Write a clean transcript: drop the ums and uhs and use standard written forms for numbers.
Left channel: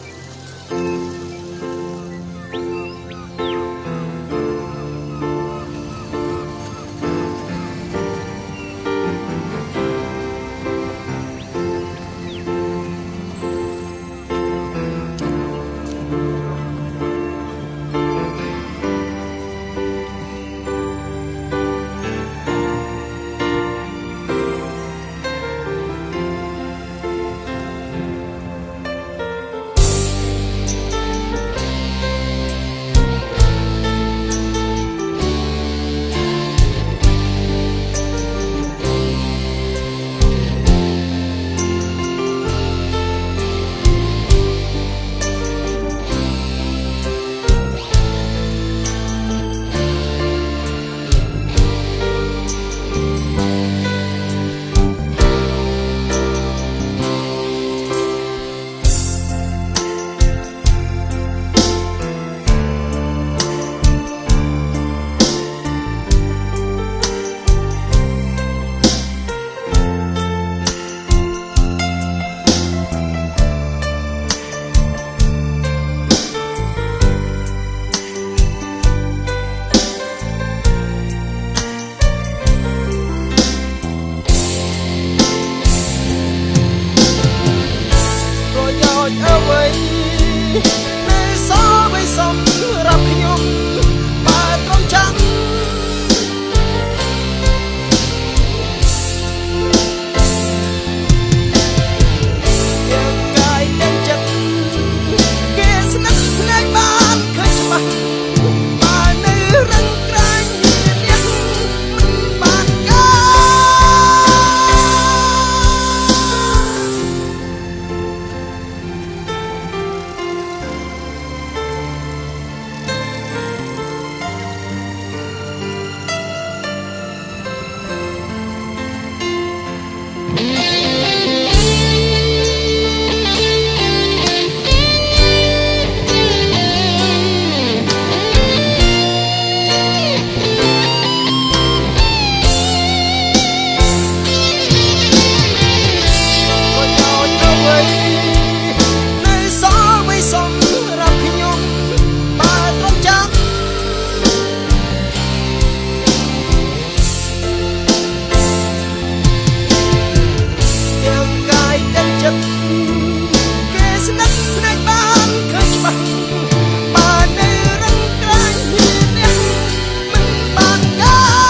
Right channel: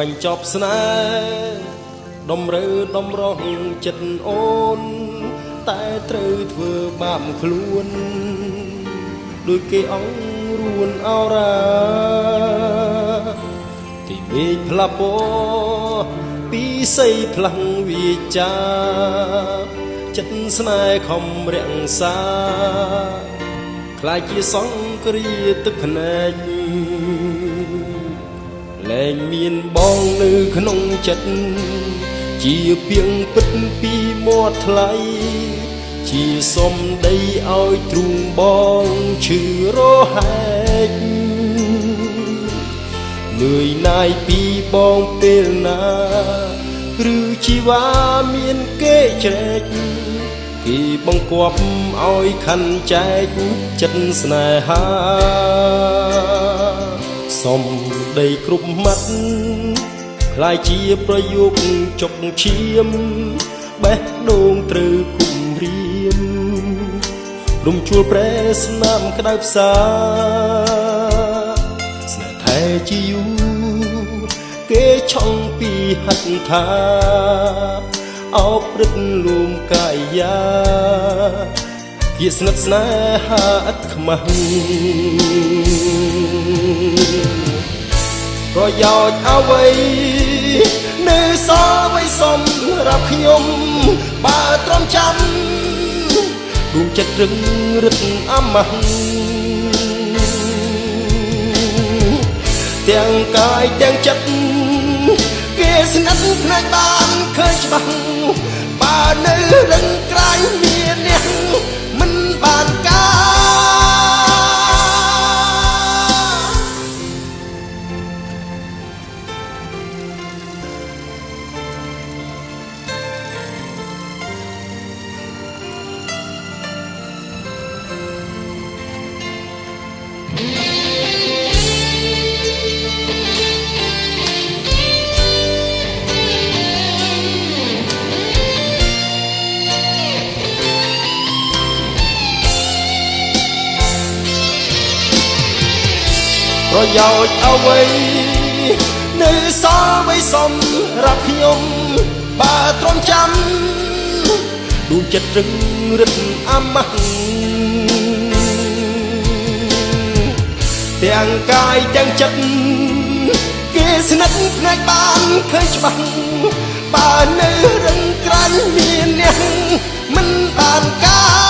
បញ្ចប់ស្នេហ៍ដំរើដំរងចិត្តអូនតែត្រូវធ្វើបាបខ្លួនដូចគេអង្រួនអរ៉ាទីពេកផ្លាប់បោពីស័យផ្លាំងវាចាចិត្តស្នេហ៍ខំរាំងសាខ្លាចជាសង្គ្រាទឹកភ្នែកលែងមានបងនៅក្នុងចិត្តជាពីងពិតពីមាត់ថ្លៃជាសុំដីឲ្យទ្រូងបងឈឺរហែកលឿយណាយពីបងពេលណាឬជីវ៉ាមានគេចែកពីបង្គាប់ឲ្យខាន់ចែកចិត្តស្នេហាសុំដីគ្រប់ម៉ាត់ខ្លាយជាប្រយោគចុកឈាមបេះដូងត្រូវគំរាមលំជួលប្រែស្នាមក្តៅផ្សាស្នេហ៍ថែជាយូរគេឆុងពីហិង្ថាអោបរឹកលួមកាយាជាស្និទ្ធស្នេហាឥតខ្មាស់ប្រយោជន៍អ្វីនៅសល់ໄວសុំរាប់ខ្ញុំបើត្រង់ចាំទូចិត្តរឹងរឹតអមះទាំងកាយទាំងចិត្តគេស្និទ្ធស្នេហ៍បានឃើញច្បាស់បើនៅរឹងក្រៃមានអ្នកមិនបានការអ្វីនៅសល់ໄວសុំរាប់ខ្ញុំបើត្រង់ចាំទូចិត្តរឹងរឹតអមះទាំងកាយទាំងចិត្តគេស្និទ្ធស្នេហ៍បានឃើញច្បាស់បើនៅរឹងក្រាញ់មានអ្នកមិនបានការ